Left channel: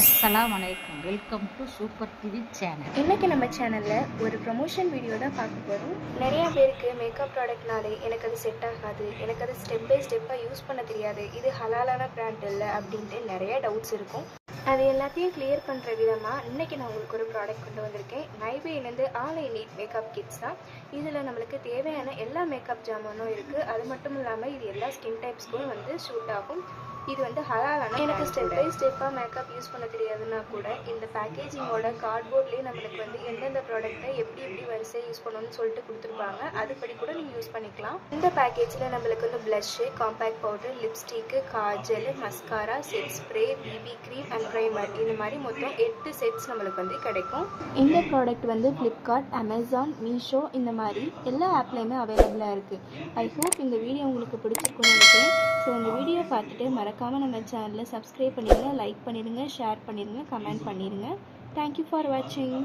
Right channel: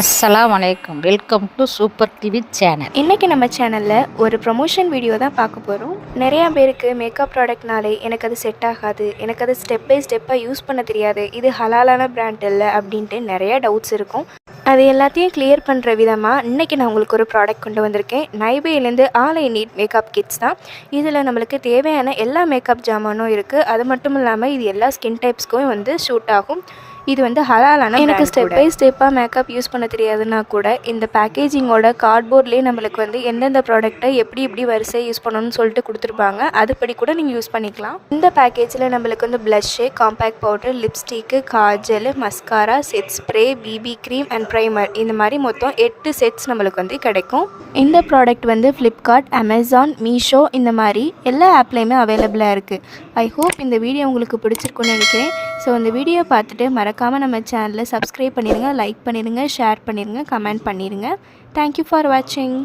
அஸ்ஸலாமு அலைக்கும். Welcome to super TV channel. இன்றைக்கி நம்ம சேனலில் ஒரு ப்ரொமோஷன் வீடியோ தான் பார்க்க போகிறோம். நிறையா பேருக்கு மேக்கப் ப்ராடக்ட்னாலே எனக்கு அது செட் ஆகாது, எனக்கு அது ஸ்டெப் பை ஸ்டெப்பாக யூஸ் பண்ண தெரியாது, இது ஹலாலான பிராண்ட் இல்லை அப்படின்ட்டு நிறையா டவுட்ஸ் இருக்கும். அது எல்லாத்தையும் கிளியர் பண்ணுற விதமாக இன்றைக்கி நான் உங்களுக்கு ஒரு ப்ராடக்ட் கொண்டு வந்திருக்கேன். நைபேலேருந்து all I need makeup kits தான். இதில் நம்மளுக்கு தேவையான எல்லா மேக்கப் ஜாமானும் இருக்குது. அது மட்டும் இல்லாமல் இது எல்லா ஸ்கின் டைப்ஸ்க்கும் ஷூட் ஆகும். இது ஹலாலான. எனக்கு ஸ்டெப் பை ஸ்டெப்பாக மேக்கப் யூஸ் பண்ண தெரியாதுன்னா கூட இந்த பேக்கேஜிங்கோட கார்ட்போர்ட்லேயே நம்மளுக்கு எந்தெந்த ப்ராடக்ட்டை எப்படி வரிசை யூஸ் பண்ணணும்னு சொல்லிட்டு கொடுத்துருப்பாங்க. அதுபடி கூட நீங்கள் யூஸ் பண்ணிக்கலாம். இந்த பேக்கேஜில் நம்மளுக்கு blush, compact powder, lipstick, Kajal, mascara, set spray, BP cream and primer, இந்த மாதிரி மொத்தம் 8 செட்ஸ் நம்மளுக்கு கிடைக்கும். இந்த ப்ராடக்ட் ஃப்ளிப்கார்ட், அமேசான், மீஷோ இந்த மாதிரி எல்லா ஆப்லேயுமே அவைலபிளாக இருக்குது. ஐ ஹோப் இந்த வீடியோ உங்களுக்கு பிடிச்சிருக்குன்னு நினைக்கிறேன். ஸோ இந்த வீடியோ பார்த்துட்டு மறக்காமல் நம்ம சேனலை சப்ஸ்கிரைப் பண்ணிடுங்க, லைக் பண்ணிடுங்க, ஷேர் பண்ணிடுங்க, கமெண்ட் பண்ணிடுங்க. தேங்க்யூ ஃபார் வாட்சிங்.